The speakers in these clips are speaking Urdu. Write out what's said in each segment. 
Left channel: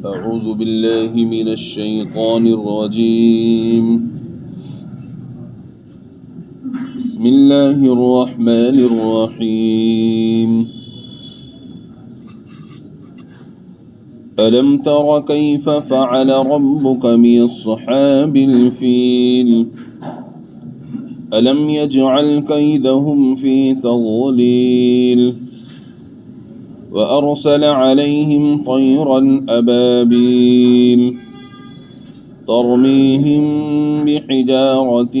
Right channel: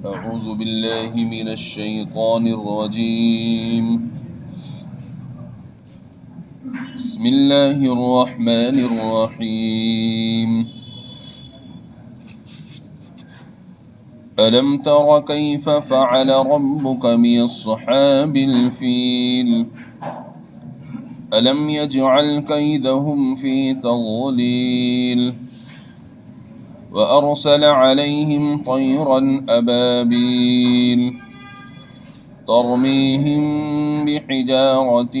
أعوذ بالله من الشيطان الرجيم بسم الله الرحمن الرحيم ألم تر كيف فعل ربك بأصحاب الفيل ألم يجعل كيدهم في تضليل وأرسل عليهم طيرا أبابيل ترميهم بحجارة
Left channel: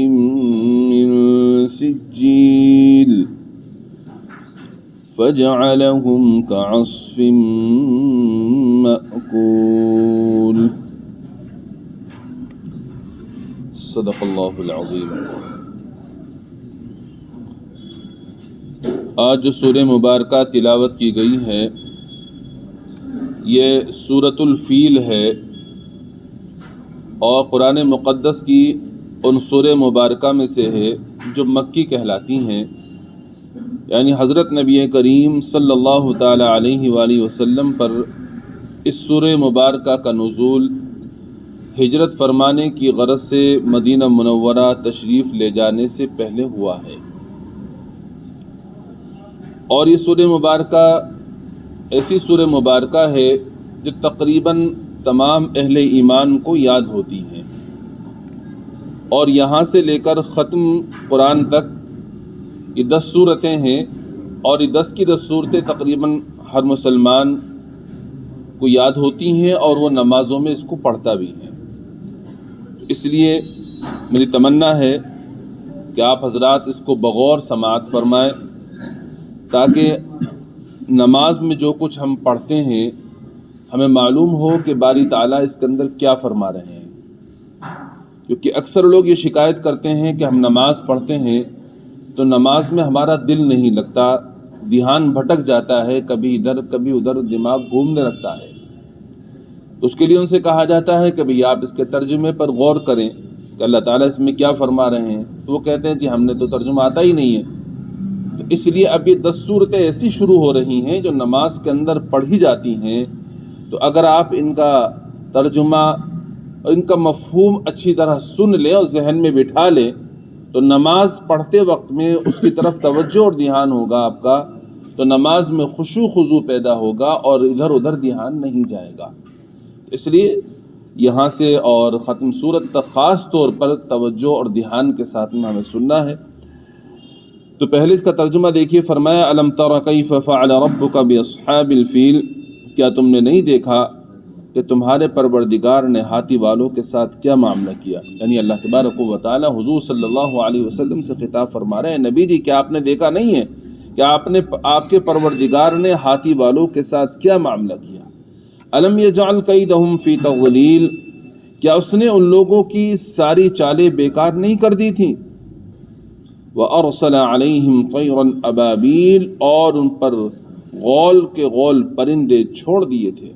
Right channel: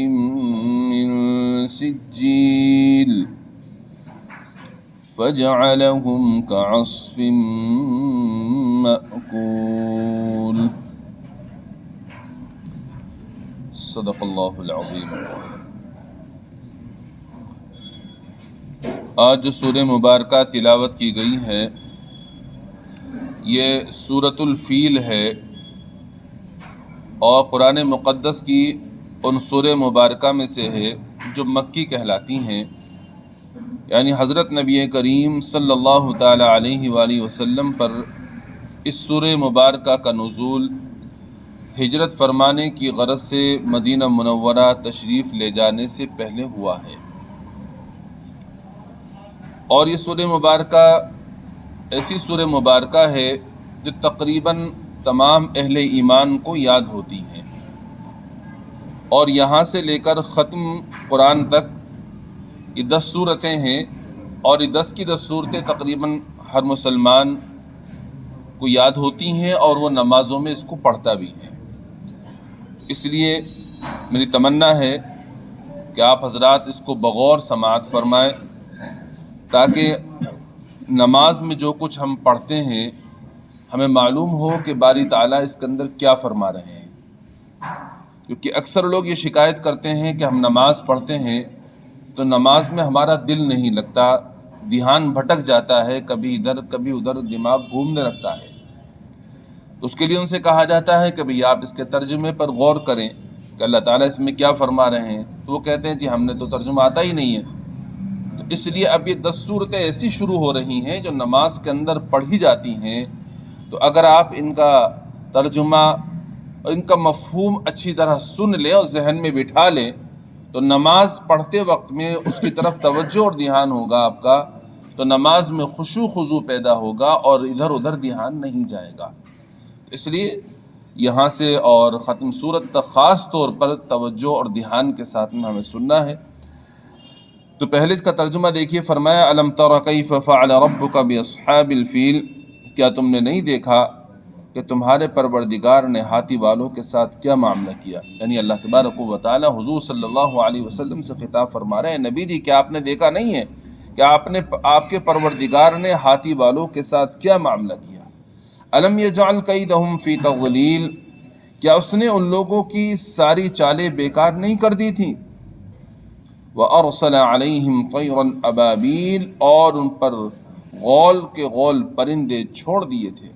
من سجيل فجعلهم كعصف مأكول صدق اللہ العظیم۔ آج جو سورہ مبارکہ تلاوت کی گئی ہے یہ سورۃ الفیل ہے اور قرآن مقدس کی ان سورہ مبارکہ میں سے ہے جو مکی کہلاتی ہیں، یعنی حضرت نبی کریم صلی اللہ تعالی علیہ وآلہ وسلم پر اس سورہ مبارکہ کا نزول ہجرت فرمانے کی غرض سے مدینہ منورہ تشریف لے جانے سے پہلے ہوا ہے، اور یہ سورہ مبارکہ ایسی سورہ مبارکہ ہے جو تقریباً تمام اہل ایمان کو یاد ہوتی ہیں، اور یہاں سے لے کر ختم قرآن تک یہ 10 سورتیں ہیں، اور یہ 10 کی 10 صورتیں تقریباً ہر مسلمان کو یاد ہوتی ہیں اور وہ نمازوں میں اس کو پڑھتا بھی ہے۔ اس لیے میری تمنا ہے کہ آپ حضرات اس کو بغور سماعت فرمائیں تاکہ نماز میں جو کچھ ہم پڑھتے ہیں ہمیں معلوم ہو کہ باری تعالیٰ اس کے اندر کیا فرما رہے ہیں، کیونکہ اکثر لوگ یہ شکایت کرتے ہیں کہ ہم نماز پڑھتے ہیں تو نماز میں ہمارا دل نہیں لگتا، دھیان بھٹک جاتا ہے، کبھی ادھر کبھی ادھر دماغ گھومنے لگتا ہے۔ اس کے لیے ان سے کہا جاتا ہے کہ بھئی آپ اس کے ترجمے پر غور کریں کہ اللہ تعالیٰ اس میں کیا فرما رہے ہیں، تو وہ کہتے ہیں جی ہم نے تو ترجمہ آتا ہی نہیں ہے۔ تو اس لیے اب یہ 10 صورتیں ایسی شروع ہو رہی ہیں جو نماز کے اندر پڑھی جاتی ہیں، تو اگر آپ ان کا ترجمہ اور ان کا مفہوم اچھی طرح سن لیں اور ذہن میں بٹھا لیں تو نماز پڑھتے وقت میں اس کی طرف توجہ اور دھیان ہوگا آپ کا، تو نماز میں خشوع خضوع پیدا ہوگا اور ادھر ادھر دھیان نہیں جائے گا۔ اس لیے یہاں سے اور ختم سورت تک خاص طور پر توجہ اور دھیان کے ساتھ میں ہمیں سننا ہے۔ تو پہلے اس کا ترجمہ دیکھیے، فرمایا الم تر کیف فعل ربک باصحاب الفیل، کیا تم نے نہیں دیکھا کہ تمہارے پروردگار نے ہاتھی والوں کے ساتھ کیا معاملہ کیا؟ یعنی اللہ تبارک و تعالی حضور صلی اللہ علیہ وسلم سے خطاب فرما رہے ہیں، نبی جی کیا آپ نے دیکھا نہیں ہے کہ آپ کے پروردگار نے ہاتھی والوں کے ساتھ کیا معاملہ کیا؟ الم یجعل کیدہم فی تضلیل، کیا اس نے ان لوگوں کی ساری چالیں بیکار نہیں کر دی تھیں؟ وَأَرْسَلَ عَلَيْهِمْ طَيْرًا أَبَابِيلَ، اور ان پر غول کے غول پرندے چھوڑ دیے تھے،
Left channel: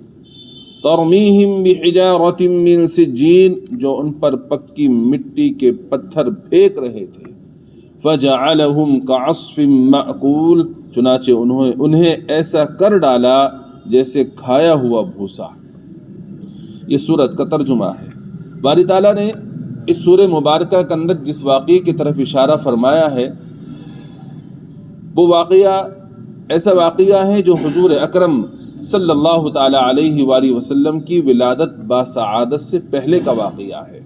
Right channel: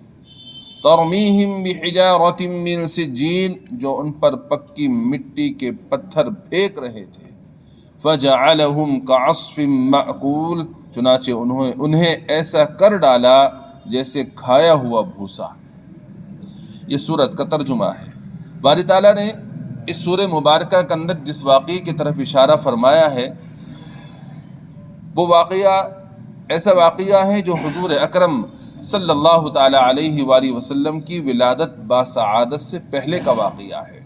تَرْمِيهِمْ بِحِجَارَةٍ مِّن سِجِّيلٍ، جو ان پر پکی مٹی کے پتھر پھینک رہے تھے، فَجَعَلَهُمْ كَعَصْفٍ مَّأْكُولٍ، چنانچہ انہیں ایسا کر ڈالا جیسے کھایا ہوا بھوسا۔ یہ سورت کا ترجمہ ہے۔ باری تعالیٰ نے اس سورہ مبارکہ کے اندر جس واقعے کی طرف اشارہ فرمایا ہے وہ واقعہ ایسا واقعہ ہے جو حضور اکرم صلی اللہ تعالی علیہ وآلہ وسلم کی ولادت باسعادت سے پہلے کا واقعہ ہے۔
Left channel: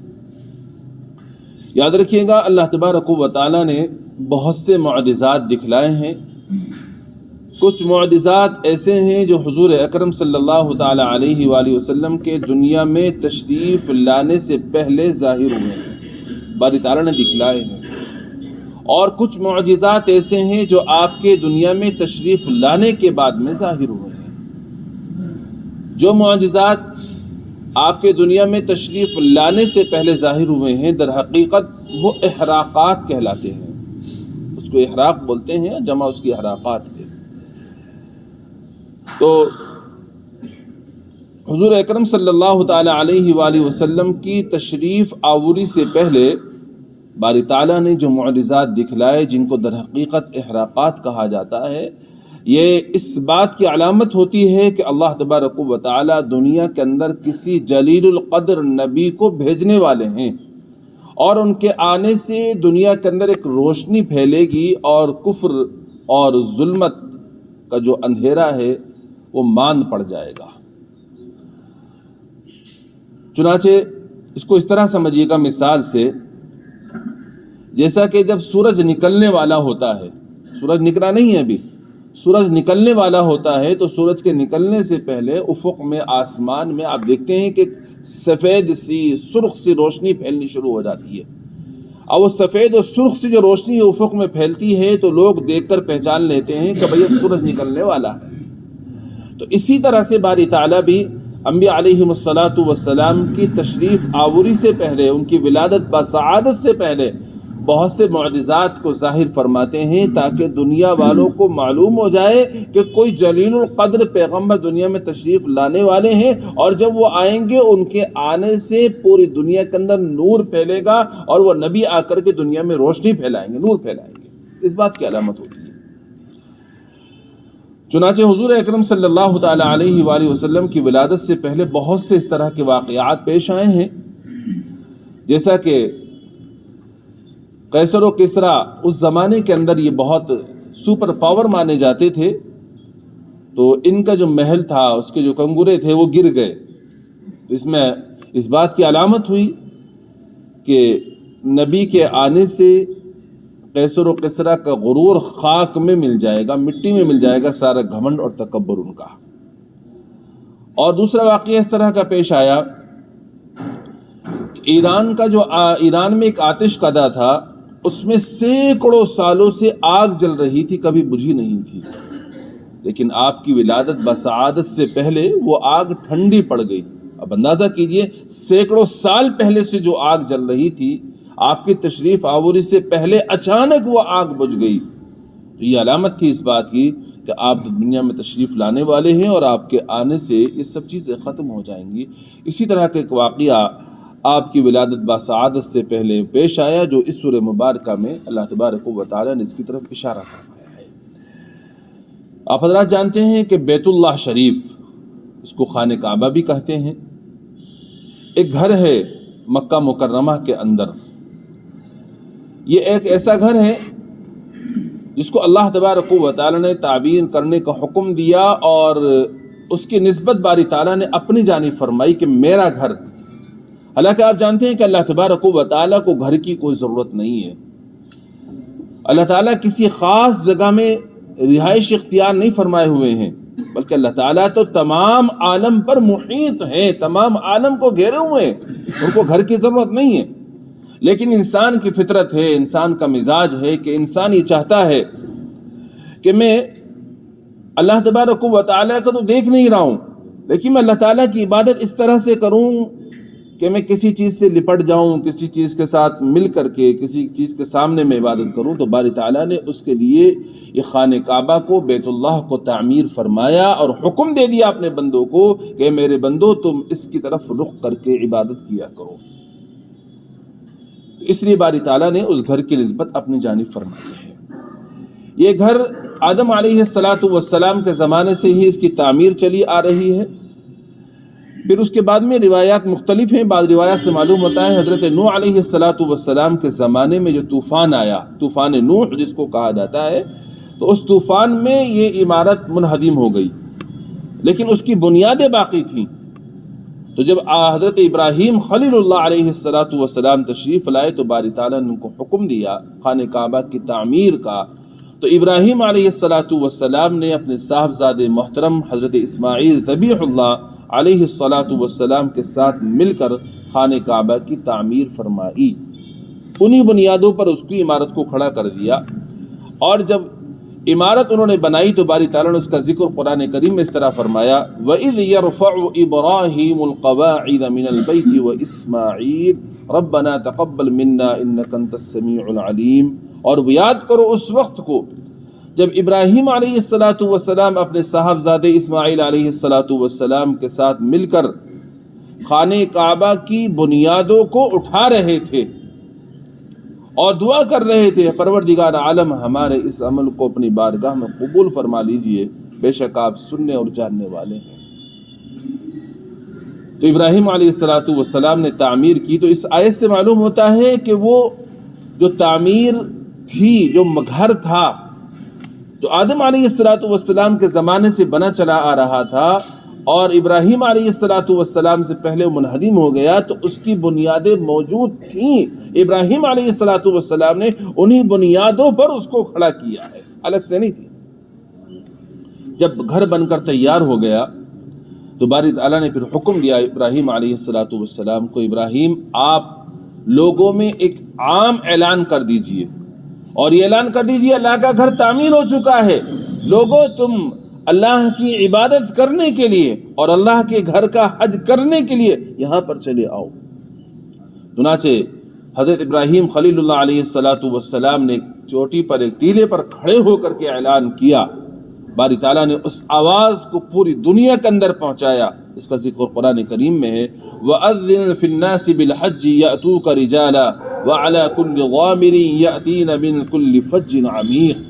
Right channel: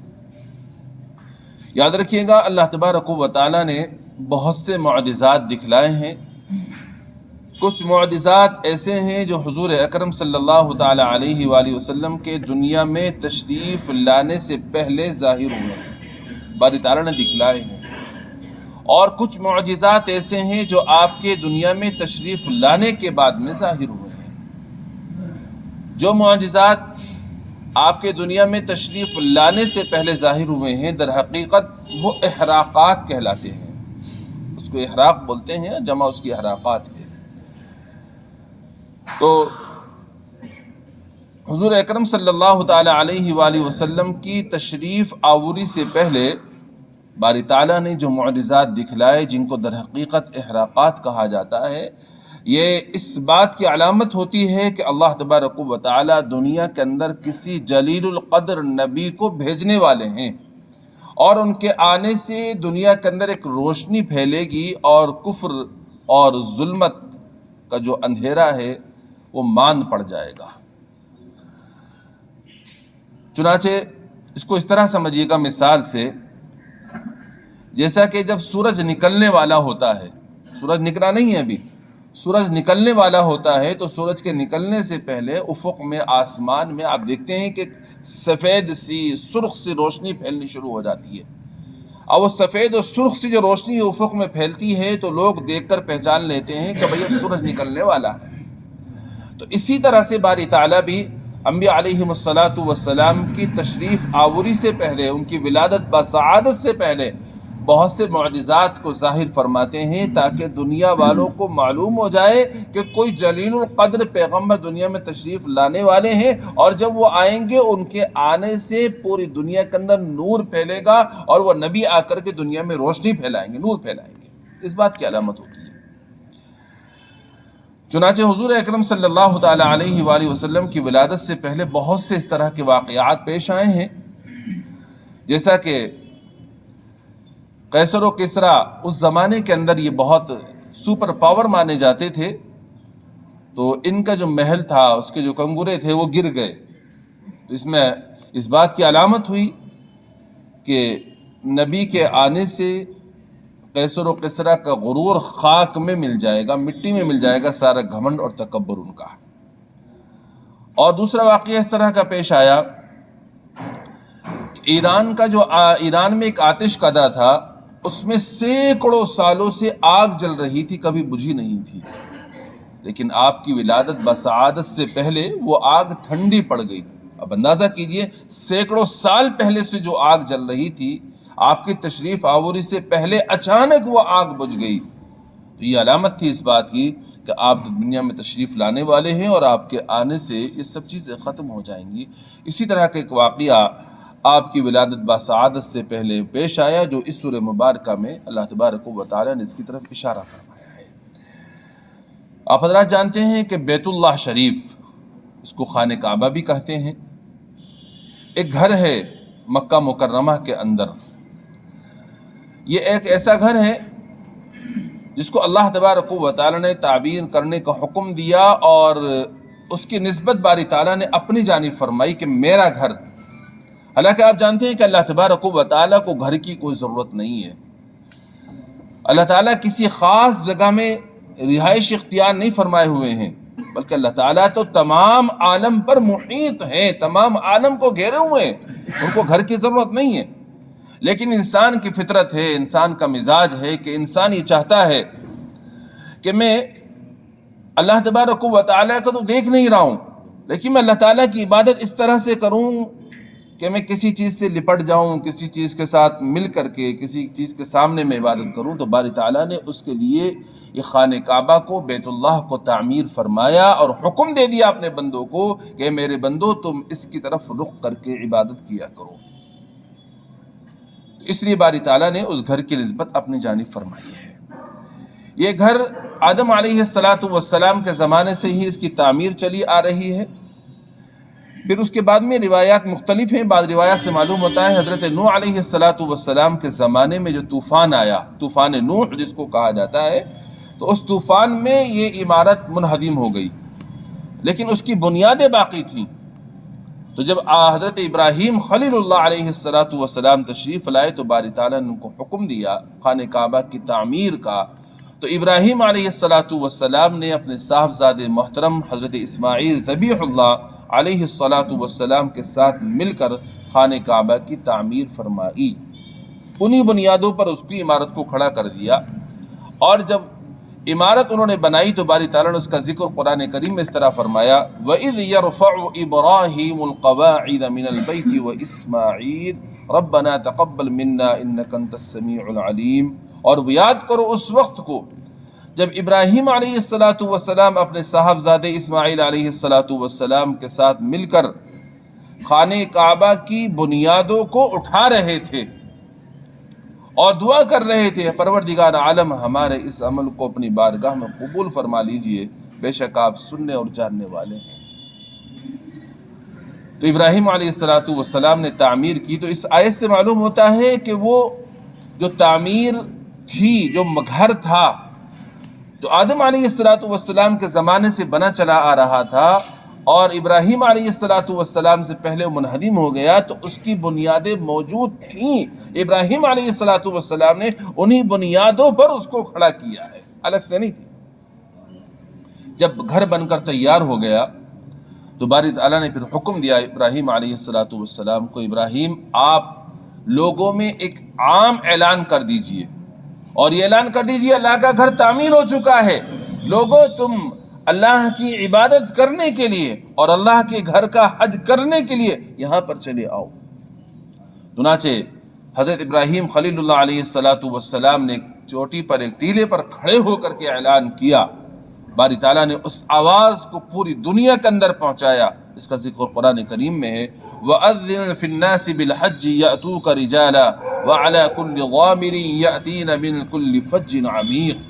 یاد رکھیے گا اللہ تبارک و تعالی نے بہت سے معجزات دکھلائے ہیں، کچھ معجزات ایسے ہیں جو حضور اکرم صلی اللہ تعالی علیہ وآلہ وسلم کے دنیا میں تشریف لانے سے پہلے ظاہر ہوئے ہیں، باری تعالیٰ نے دکھلائے ہیں، اور کچھ معجزات ایسے ہیں جو آپ کے دنیا میں تشریف لانے کے بعد میں ظاہر ہوئے ہیں۔ جو معجزات آپ کے دنیا میں تشریف لانے سے پہلے ظاہر ہوئے ہیں در حقیقت وہ احراقات کہلاتے ہیں، اس کو احراق بولتے ہیں، جمع اس کی احراقات ہے۔ تو حضور اکرم صلی اللہ تعالی علیہ وآلہ وسلم کی تشریف آوری سے پہلے باری تعالیٰ نے جو معجزات دکھلائے جن کو در حقیقت احراقات کہا جاتا ہے، یہ اس بات کی علامت ہوتی ہے کہ اللہ تبارک و تعالی دنیا کے اندر کسی جلیل القدر نبی کو بھیجنے والے ہیں، اور ان کے آنے سے دنیا کے اندر ایک روشنی پھیلے گی اور کفر اور ظلمت کا جو اندھیرا ہے وہ ماند پڑ جائے گا۔ چنانچہ اس کو اس طرح سمجھیے گا مثال سے، جیسا کہ جب سورج نکلنے والا ہوتا ہے، سورج نکلا نہیں ہے ابھی، سورج نکلنے والا ہوتا ہے، تو سورج کے نکلنے سے پہلے افق میں، آسمان میں آپ دیکھتے ہیں کہ سفید سی سرخ سی روشنی پھیلنی شروع ہو جاتی ہے، اور وہ سفید اور سرخ سی جو روشنی افق میں پھیلتی ہے تو لوگ دیکھ کر پہچان لیتے ہیں کہ بھئی اب سورج نکلنے والا ہے۔ تو اسی طرح سے باری تعالیٰ بھی انبیاء علیہم السلام کی تشریف آوری سے پہلے، ان کی ولادت بسعادت سے پہلے بہت سے معجزات کو ظاہر فرماتے ہیں، تاکہ دنیا والوں کو معلوم ہو جائے کہ کوئی جلیل القدر پیغمبر دنیا میں تشریف لانے والے ہیں، اور جب وہ آئیں گے ان کے آنے سے پوری دنیا کے اندر نور پھیلے گا، اور وہ نبی آ کر کے دنیا میں روشنی پھیلائیں گے، نور پھیلائیں گے۔ اس بات کی علامت ہوتی ہے۔ چنانچہ حضور اکرم صلی اللہ تعالی علیہ وآلہ وسلم کی ولادت سے پہلے بہت سے اس طرح کے واقعات پیش آئے ہیں، جیسا کہ قیصر و کسریٰ اس زمانے کے اندر یہ بہت سپر پاور مانے جاتے تھے، تو ان کا جو محل تھا، اس کے جو کنگورے تھے وہ گر گئے، تو اس میں اس بات کی علامت ہوئی کہ نبی کے آنے سے قیصر و کسریٰ کا غرور خاک میں مل جائے گا، مٹی میں مل جائے گا، سارا گھمنڈ اور تکبر ان کا۔ اور دوسرا واقعہ اس طرح کا پیش آیا کہ ایران میں ایک آتش کدہ تھا، اس میں سینکڑوں سالوں سے آگ جل رہی تھی، کبھی بجھی نہیں تھی، لیکن آپ کی ولادت بسعادت سے پہلے وہ آگ ٹھنڈی پڑ گئی۔ اب اندازہ کیجئے، سینکڑوں سال پہلے سے جو آگ جل رہی تھی، آپ کی تشریف آوری سے پہلے اچانک وہ آگ بجھ گئی۔ تو یہ علامت تھی اس بات کی کہ آپ دنیا میں تشریف لانے والے ہیں، اور آپ کے آنے سے یہ سب چیزیں ختم ہو جائیں گی۔ اسی طرح کا ایک واقعہ آپ کی ولادت بسعادت سے پہلے پیش آیا، جو اس سورہ مبارکہ میں اللہ تبارک و تعالیٰ نے اس کی طرف اشارہ فرمایا ہے۔ آپ حضرات جانتے ہیں کہ بیت اللہ شریف، اس کو خانہ کعبہ بھی کہتے ہیں، ایک گھر ہے مکہ مکرمہ کے اندر۔ یہ ایک ایسا گھر ہے جس کو اللہ تبارک و تعالیٰ نے تعبیر کرنے کا حکم دیا، اور اس کی نسبت باری تعالیٰ نے اپنی جانب فرمائی کہ میرا گھر۔ حالانکہ آپ جانتے ہیں کہ اللہ تبارک و تعالیٰ کو گھر کی کوئی ضرورت نہیں ہے، اللہ تعالیٰ کسی خاص جگہ میں رہائش اختیار نہیں فرمائے ہوئے ہیں، بلکہ اللہ تعالیٰ تو تمام عالم پر محیط ہیں، تمام عالم کو گھیرے ہوئے ہیں، ان کو گھر کی ضرورت نہیں ہے۔ لیکن انسان کی فطرت ہے، انسان کا مزاج ہے کہ انسان یہ چاہتا ہے کہ میں اللہ تبارک و تعالیٰ کو تو دیکھ نہیں رہا ہوں، لیکن میں اللہ تعالیٰ کی عبادت اس طرح سے کروں کہ میں کسی چیز سے لپٹ جاؤں، کسی چیز کے ساتھ مل کر کے کسی چیز کے سامنے میں عبادت کروں۔ تو باری تعالیٰ نے اس کے لیے یہ خانہ کعبہ کو، بیت اللہ کو تعمیر فرمایا، اور حکم دے دیا اپنے بندوں کو کہ میرے بندو تم اس کی طرف رخ کر کے عبادت کیا کرو۔ اس لیے باری تعالیٰ نے اس گھر کی نسبت اپنی جانب فرمائی ہے۔ یہ گھر آدم علیہ السلام کے زمانے سے ہی اس کی تعمیر چلی آ رہی ہے۔ پھر اس کے بعد میں روایات مختلف ہیں، بعض روایات سے معلوم ہوتا ہے حضرت نوح علیہ السلام کے زمانے میں جو طوفان آیا، طوفان نوح جس کو کہا جاتا ہے، تو اس طوفان میں یہ عمارت منہدم ہو گئی، لیکن اس کی بنیادیں باقی تھیں۔ تو جب حضرت ابراہیم خلیل اللہ علیہ السلام تشریف لائے تو باری تعالیٰ نے ان کو حکم دیا خانہ کعبہ کی تعمیر کا۔ تو ابراہیم علیہ السلام نے اپنے صاحبزادے محترم حضرت اسماعیل ذبیح اللہ علیہ السلام کے ساتھ مل کر خانہ کعبہ کی تعمیر فرمائی، انہی بنیادوں پر اس کی عمارت کو کھڑا کر دیا۔ اور جب عمارت انہوں نے بنائی تو باری تعالیٰ نے اس کا ذکر قرآن کریم میں اس طرح فرمایا، وَإِذْ يَرْفَعُ إِبْرَاهِيمُ الْقَوَاعِدَ مِنَ الْبَيْتِ وَإِسْمَاعِيلُ رَبَّنَا تَقَبَّلْ مِنَّا إِنَّكَ أَنْتَ السَّمِيعُ الْعَلِيمُ۔ اور وہ یاد کرو اس وقت کو جب ابراہیم علیہ السلام اپنے صاحبزادے اسماعیل علیہ السلام کے ساتھ مل کر خانہ کعبہ کی بنیادوں کو اٹھا رہے تھے، اور دعا کر رہے تھے پروردگار عالم ہمارے اس عمل کو اپنی بارگاہ میں قبول فرما لیجئے، بے شک آپ سننے اور جاننے والے ہیں۔ تو ابراہیم علیہ السلام نے تعمیر کی۔ تو اس آیت سے معلوم ہوتا ہے کہ وہ جو تعمیر تھی، جو گھر تھا، جو آدم علیہ السلام کے زمانے سے بنا چلا آ رہا تھا اور ابراہیم علیہ السلام سے پہلے منہدم ہو گیا، تو اس کی بنیادیں موجود تھیں۔ ابراہیم علیہ السلام نے انہی بنیادوں پر اس کو کھڑا کیا ہے، الگ سے نہیں تھی۔ جب گھر بن کر تیار ہو گیا تو باری تعالیٰ نے پھر حکم دیا ابراہیم علیہ السلام کو، ابراہیم آپ لوگوں میں ایک عام اعلان کر دیجئے، اور یہ اعلان کر دیجئے اللہ کا گھر تعمیر ہو چکا ہے، لوگوں تم اللہ کی عبادت کرنے کے لیے اور اللہ کے گھر کا حج کرنے کے لیے یہاں پر چلے آؤ۔ چنانچہ حضرت ابراہیم خلیل اللہ علیہ السلام نے ایک چوٹی پر، ایک ٹیلے پر کھڑے ہو کر کے اعلان کیا۔ باری تعالیٰ نے اس آواز کو پوری دنیا کے اندر پہنچایا۔ اس کا ذکر قرآن کریم میں ہے، وَأَذِّنْ فِي النَّاسِ بِالْحَجِّ يَأْتُوكَ رِجَالًا وَعَلَى كُلِّ ضَامِرٍ يَأْتِينَ مِنْ كُلِّ فَجٍّ عَمِيقٍ۔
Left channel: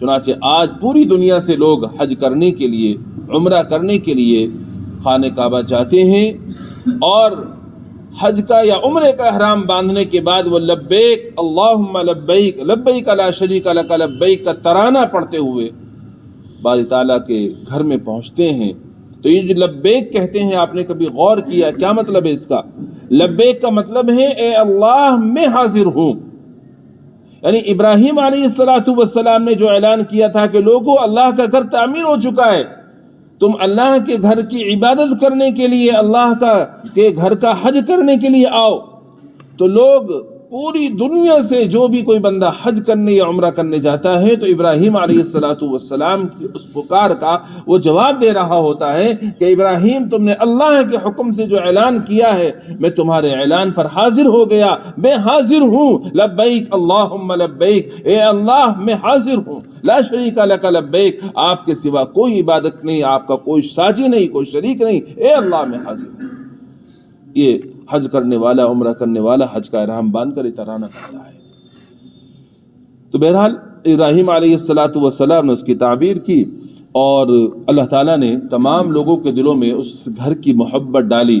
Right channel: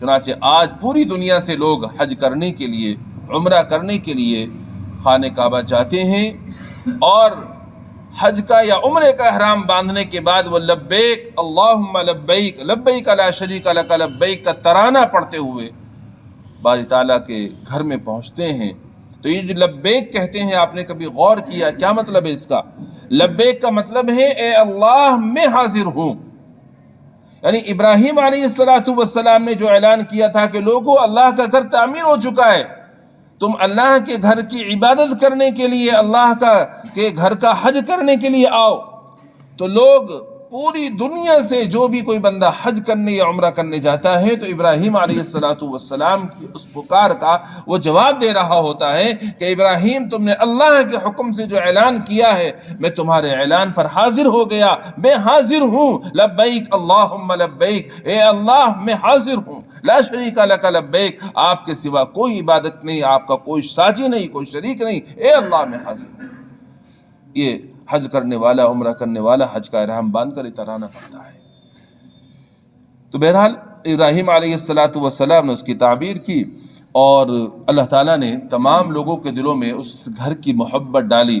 چنانچہ آج پوری دنیا سے لوگ حج کرنے کے لیے، عمرہ کرنے کے لیے خانہ کعبہ جاتے ہیں، اور حج کا یا عمرے کا احرام باندھنے کے بعد وہ لبیک اللہم لبیک لبیک لا شریک لک لبیک کا ترانہ پڑھتے ہوئے باری تعالیٰ کے گھر میں پہنچتے ہیں۔ تو یہ جو لبیک کہتے ہیں، آپ نے کبھی غور کیا کیا مطلب ہے اس کا؟ لبیک کا مطلب ہے اے اللہ میں حاضر ہوں۔ یعنی ابراہیم علیہ السلام نے جو اعلان کیا تھا کہ لوگوں اللہ کا گھر تعمیر ہو چکا ہے، تم اللہ کے گھر کی عبادت کرنے کے لیے، اللہ کے گھر کا حج کرنے کے لیے آؤ، تو لوگ پوری دنیا سے جو بھی کوئی بندہ حج کرنے یا عمرہ کرنے جاتا ہے تو ابراہیم علیہ السلام کی اس پکار کا وہ جواب دے رہا ہوتا ہے کہ ابراہیم تم نے اللہ کے حکم سے جو اعلان کیا ہے، میں تمہارے اعلان پر حاضر ہو گیا، میں حاضر ہوں، لبیک اللہم لبیک، اے اللہ میں حاضر ہوں، لا شریک لک لبیک، آپ کے سوا کوئی عبادت نہیں، آپ کا کوئی ساجی نہیں، کوئی شریک نہیں، اے اللہ میں حاضر ہوں۔ یہ حج کرنے والا، عمرہ کرنے والا حج کا احرام باندھ کر ترانہ کرتا ہے۔ تو بہرحال ابراہیم علیہ السلام نے اس کی تعبیر کی، اور اللہ تعالیٰ نے تمام لوگوں کے دلوں میں اس گھر کی محبت ڈالی۔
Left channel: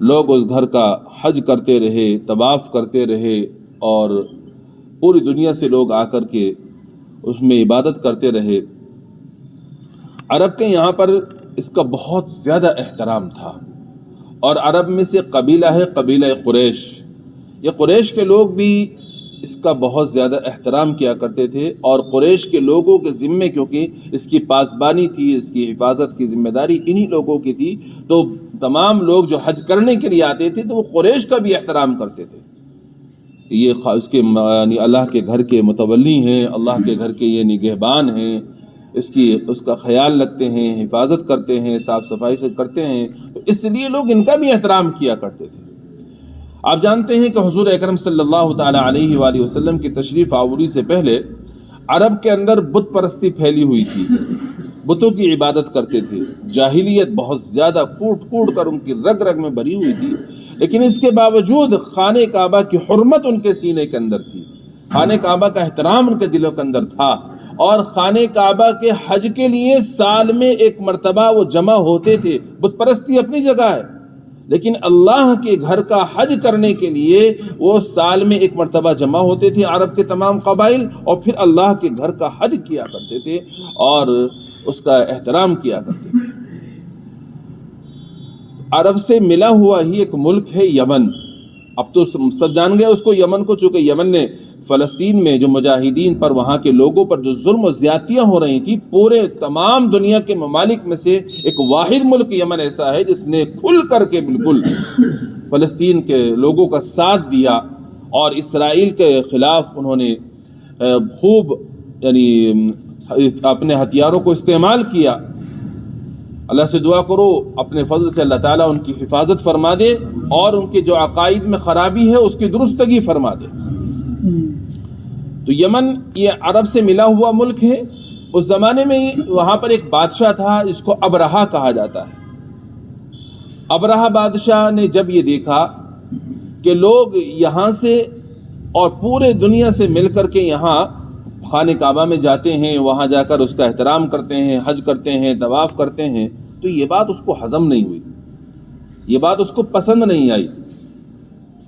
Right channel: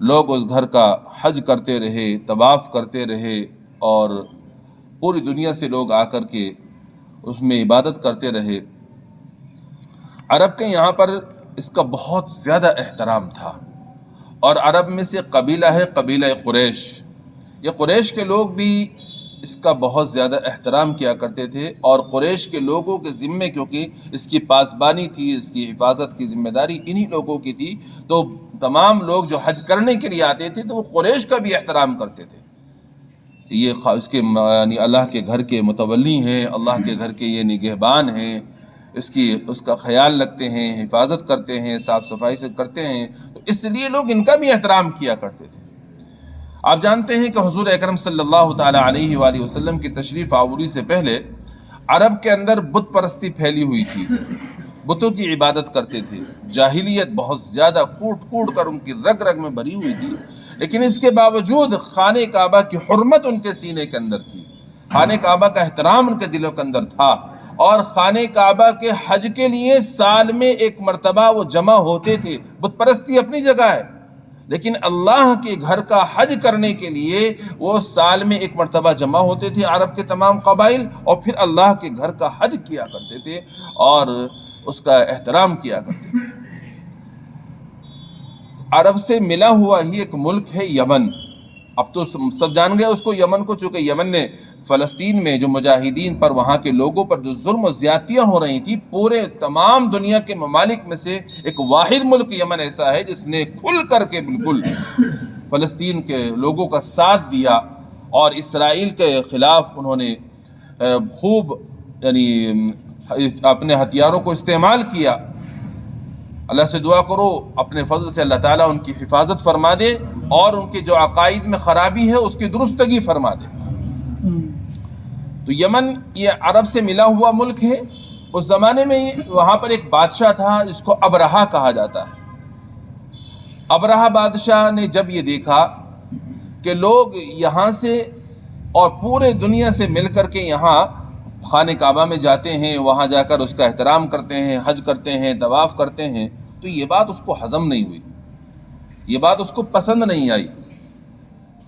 لوگ اس گھر کا حج کرتے رہے، طواف کرتے رہے، اور پوری دنیا سے لوگ آ کر کے اس میں عبادت کرتے رہے۔ عرب کے یہاں پر اس کا بہت زیادہ احترام تھا، اور عرب میں سے قبیلہ ہے قبیلہ قریش۔ یہ قریش کے لوگ بھی اس کا بہت زیادہ احترام کیا کرتے تھے، اور قریش کے لوگوں کے ذمے، کیونکہ اس کی پاسبانی تھی، اس کی حفاظت کی ذمہ داری انہی لوگوں کی تھی، تو تمام لوگ جو حج کرنے کے لیے آتے تھے تو وہ قریش کا بھی احترام کرتے تھے کہ یہ اس کے یعنی اللہ کے گھر کے متولی ہیں، اللہ کے گھر کے یہ نگہبان ہیں، اس کا خیال رکھتے ہیں، حفاظت کرتے ہیں، صاف صفائی سے کرتے ہیں، تو اس لیے لوگ ان کا بھی احترام کیا کرتے تھے۔ آپ جانتے ہیں کہ حضور اکرم صلی اللہ تعالی علیہ وآلہ وسلم کی تشریف آوری سے پہلے عرب کے اندر بت پرستی پھیلی ہوئی تھی، بتوں کی عبادت کرتے تھے، جاہلیت بہت زیادہ کوٹ کوٹ کر ان کی رگ رگ میں بھری ہوئی تھی، لیکن اس کے باوجود خانہ کعبہ کی حرمت ان کے سینے کے اندر تھی، خانہ کعبہ کا احترام ان کے دلوں کے اندر تھا، اور خانہ کعبہ کے حج کے لیے سال میں ایک مرتبہ وہ جمع ہوتے تھے۔ بت پرستی اپنی جگہ ہے، لیکن اللہ کے گھر کا حج کرنے کے لیے وہ سال میں ایک مرتبہ جمع ہوتے تھے عرب کے تمام قبائل، اور پھر اللہ کے گھر کا حج کیا کرتے تھے اور اس کا احترام کیا کرتے تھے۔ عرب سے ملا ہوا ہی ایک ملک ہے یمن۔ اب تو سب جان گئے اس کو، یمن کو، چونکہ یمن نے فلسطین میں جو مجاہدین پر، وہاں کے لوگوں پر جو ظلم و زیادتیاں ہو رہی تھی، پورے تمام دنیا کے ممالک میں سے ایک واحد ملک یمن ایسا ہے جس نے کھل کر کے بالکل فلسطین کے لوگوں کا ساتھ دیا، اور اسرائیل کے خلاف انہوں نے خوب یعنی اپنے ہتھیاروں کو استعمال کیا۔ اللہ سے دعا کرو اپنے فضل سے اللہ تعالیٰ ان کی حفاظت فرما دے، اور ان کے جو عقائد میں خرابی ہے اس کی درستگی فرما دے۔ تو یمن یہ عرب سے ملا ہوا ملک ہے۔ اس زمانے میں وہاں پر ایک بادشاہ تھا جس کو ابرہہ کہا جاتا ہے۔ ابرہہ بادشاہ نے جب یہ دیکھا کہ لوگ یہاں سے اور پورے دنیا سے مل کر کے یہاں خانہ کعبہ میں جاتے ہیں، وہاں جا کر اس کا احترام کرتے ہیں، حج کرتے ہیں، طواف کرتے ہیں، تو یہ بات اس کو ہضم نہیں ہوئی، یہ بات اس کو پسند نہیں آئی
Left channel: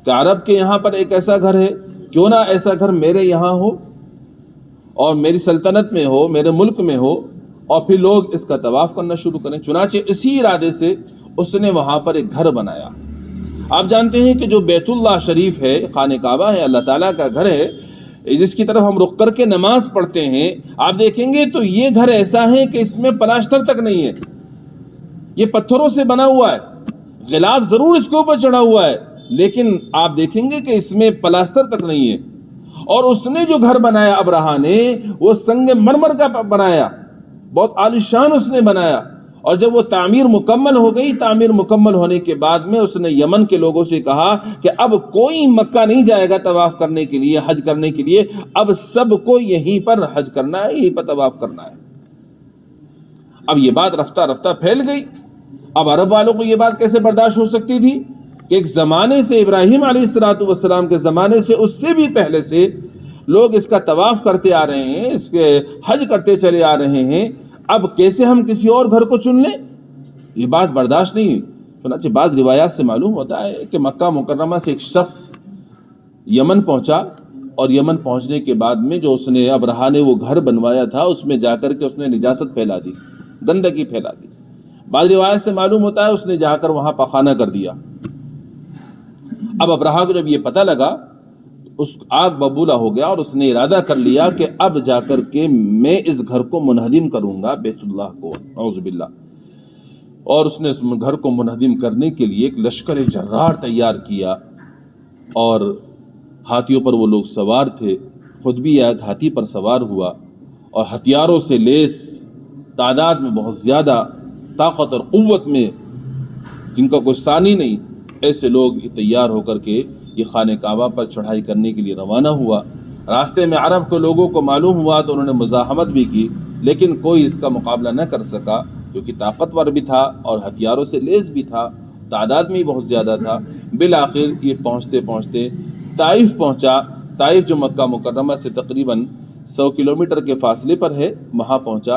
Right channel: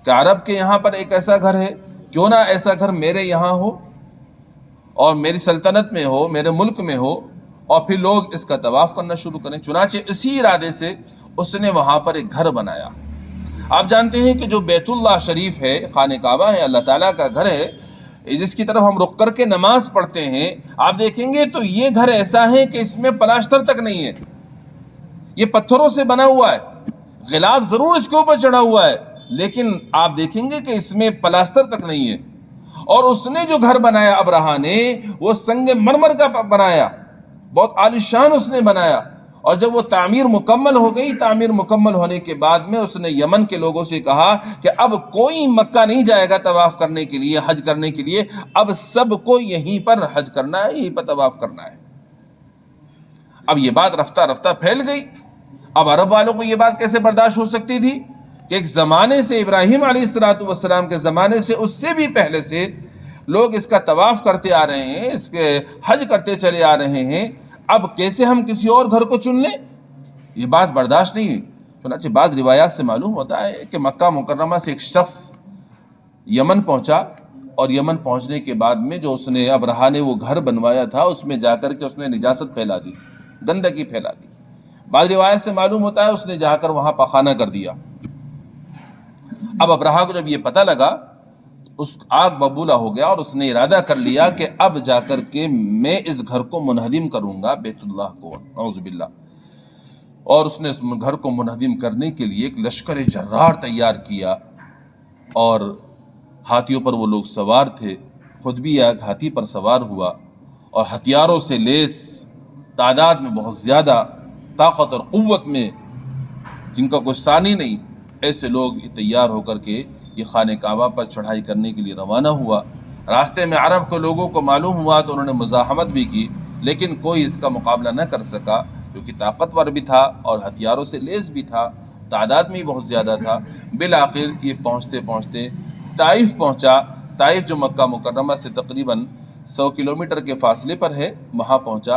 کہ عرب کے یہاں پر ایک ایسا گھر ہے، کیوں نہ ایسا گھر میرے یہاں ہو اور میری سلطنت میں ہو، میرے ملک میں ہو، اور پھر لوگ اس کا طواف کرنا شروع کریں۔ چنانچہ اسی ارادے سے اس نے وہاں پر ایک گھر بنایا۔ آپ جانتے ہیں کہ جو بیت اللہ شریف ہے، خانہ کعبہ ہے، اللہ تعالیٰ کا گھر ہے، جس کی طرف ہم رخ کر کے نماز پڑھتے ہیں، آپ دیکھیں گے تو یہ گھر ایسا ہے کہ اس میں پلاسٹر تک نہیں ہے، یہ پتھروں سے بنا ہوا ہے، غلاف ضرور اس کے اوپر چڑھا ہوا ہے، لیکن آپ دیکھیں گے کہ اس میں پلاسٹر تک نہیں ہے۔ اور اس نے جو گھر بنایا ابرہا نے، وہ سنگ مرمر کا بنایا، بہت عالیشان اس نے بنایا۔ اور جب وہ تعمیر مکمل ہو گئی، تعمیر مکمل ہونے کے بعد میں اس نے یمن کے لوگوں سے کہا کہ اب کوئی مکہ نہیں جائے گا طواف کرنے کے لیے، حج کرنے کے لیے، اب سب کو یہیں پر حج کرنا ہے، یہیں پر طواف کرنا ہے۔ اب یہ بات رفتہ رفتہ پھیل گئی۔ اب عرب والوں کو یہ بات کیسے برداشت ہو سکتی تھی کہ ایک زمانے سے، ابراہیم علیہ السلام کے زمانے سے، اس سے بھی پہلے سے لوگ اس کا طواف کرتے آ رہے ہیں، اس پہ حج کرتے چلے آ رہے ہیں، اب کیسے ہم کسی اور گھر کو چن لیں؟ یہ بات برداشت نہیں ہوئی۔ چنانچہ بعض روایات سے معلوم ہوتا ہے کہ مکہ مکرمہ سے ایک شخص یمن پہنچا، اور یمن پہنچنے کے بعد میں جو اس نے ابرہا نے وہ گھر بنوایا تھا، اس میں جا کر کے اس نے نجاست پھیلا دی، گندگی پھیلا دی۔ بعض روایت سے معلوم ہوتا ہے اس نے جا کر وہاں پخانہ کر دیا۔ اب ابرہا کو جب یہ پتہ لگا، اس آگ ببولا ہو گیا، اور اس نے ارادہ کر لیا کہ اب جا کر کے میں اس گھر کو منہدم کروں گا، بیت اللہ کو، اعوذ باللہ۔ اور اس نے اس گھر کو منہدم کرنے کے لیے ایک لشکر جرار تیار کیا، اور ہاتھیوں پر وہ لوگ سوار تھے، خود بھی ایک ہاتھی پر سوار ہوا، اور ہتھیاروں سے لیس، تعداد میں بہت زیادہ، طاقت اور قوت میں، جن کا کوئی ثانی نہیں، ایسے لوگ تیار ہو کر کے یہ خانہ کعبہ پر چڑھائی کرنے کے لیے روانہ ہوا۔ راستے میں عرب کے لوگوں کو معلوم ہوا تو انہوں نے مزاحمت بھی کی، لیکن کوئی اس کا مقابلہ نہ کر سکا، کیونکہ طاقتور بھی تھا اور ہتھیاروں سے لیس بھی تھا، تعداد میں بہت زیادہ تھا۔ بالآخر یہ پہنچتے پہنچتے طائف پہنچا۔ طائف جو مکہ مکرمہ سے تقریباً 100 کلومیٹر کے فاصلے پر ہے، وہاں پہنچا،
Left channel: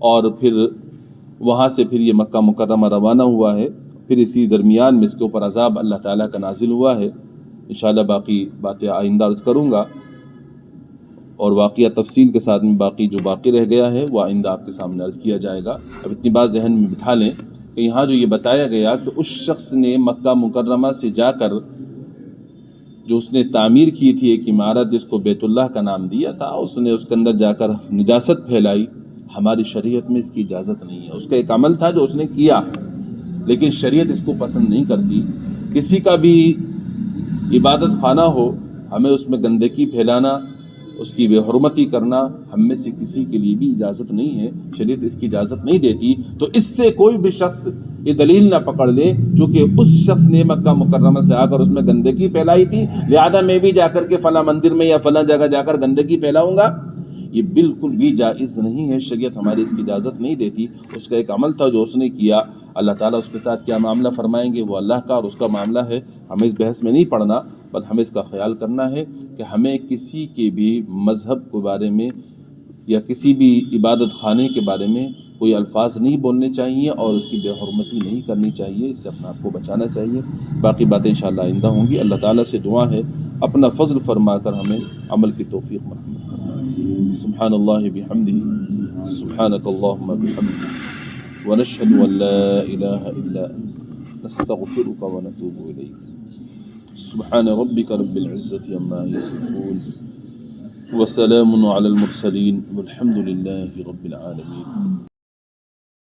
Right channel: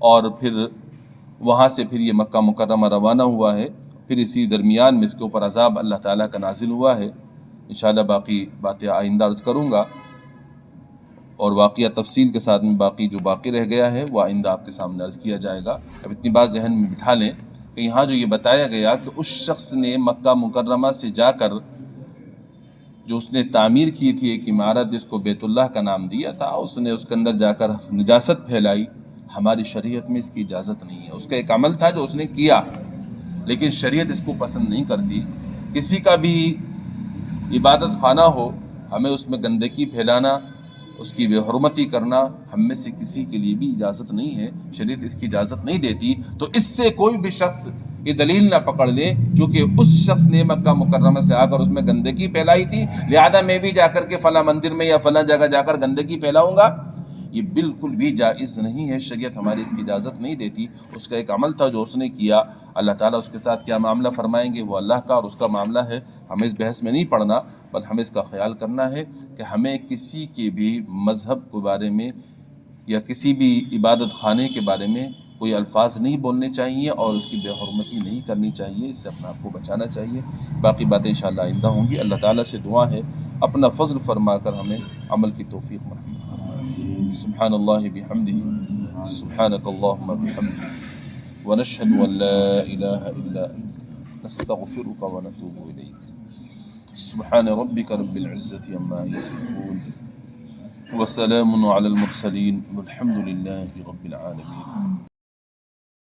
اور پھر وہاں سے پھر یہ مکہ مکرمہ روانہ ہوا ہے۔ پھر اسی درمیان میں اس کے اوپر عذاب اللہ تعالیٰ کا نازل ہوا ہے۔ انشاءاللہ باقی باتیں آئندہ عرض کروں گا، اور واقعہ تفصیل کے ساتھ میں باقی جو باقی رہ گیا ہے وہ آئندہ آپ کے سامنے عرض کیا جائے گا۔ اب اتنی بات ذہن میں بٹھا لیں کہ یہاں جو یہ بتایا گیا کہ اس شخص نے مکہ مکرمہ سے جا کر جو اس نے تعمیر کی تھی ایک عمارت جس کو بیت اللہ کا نام دیا تھا، اس نے اس کے اندر جا کر نجاست پھیلائی، ہماری شریعت میں اس کی اجازت نہیں ہے۔ اس کا ایک عمل تھا جو اس نے کیا، لیکن شریعت اس کو پسند نہیں کرتی۔ کسی کا بھی عبادت خانہ ہو، ہمیں اس میں گندگی پھیلانا، اس کی بے حرمتی کرنا ہم میں سے کسی کے لیے بھی اجازت نہیں ہے، شریعت اس کی اجازت نہیں دیتی۔ تو اس سے کوئی بھی شخص یہ دلیل نہ پکڑ لے چونکہ اس شخص نے مکہ مکرمہ سے آ کر اس میں گندگی پھیلائی تھی، لہذا میں بھی جا کر کے فلاں مندر میں یا فلاں جگہ جا کر گندگی پھیلاؤں گا، یہ بالکل بھی جائز نہیں ہے، شریعت ہماری اس کی اجازت نہیں دیتی۔ اس کا ایک عمل تھا جو اس نے کیا، اللہ تعالیٰ اس کے ساتھ کیا معاملہ فرمائیں گے وہ اللہ کا اور اس کا معاملہ ہے، ہمیں اس بحث میں نہیں پڑنا، بل ہمیں اس کا خیال کرنا ہے کہ ہمیں کسی کے بھی مذہب کے بارے میں یا کسی بھی عبادت خانے کے بارے میں کوئی الفاظ نہیں بولنے چاہیے، اور اس کی بے حرمتی نہیں کرنی چاہیے، اس سے اپنے آپ کو بچانا چاہیے۔ باقی باتیں انشاءاللہ آئندہ ہوں گی۔ اللہ تعالیٰ سے دعا ہے اپنا فضل فرما کر ہمیں عمل کی توفیق مرحمت فرمائے۔ سبحان اللہ بحمدہ، سبحانک اللہم بحمدک، ونشہد ان لا الہ الا انت، نستغفرک ونتوب الیک۔ سبحان ربک رب العزة عما یصفون، وسلام علی المرسلین، والحمد للہ رب العالمین۔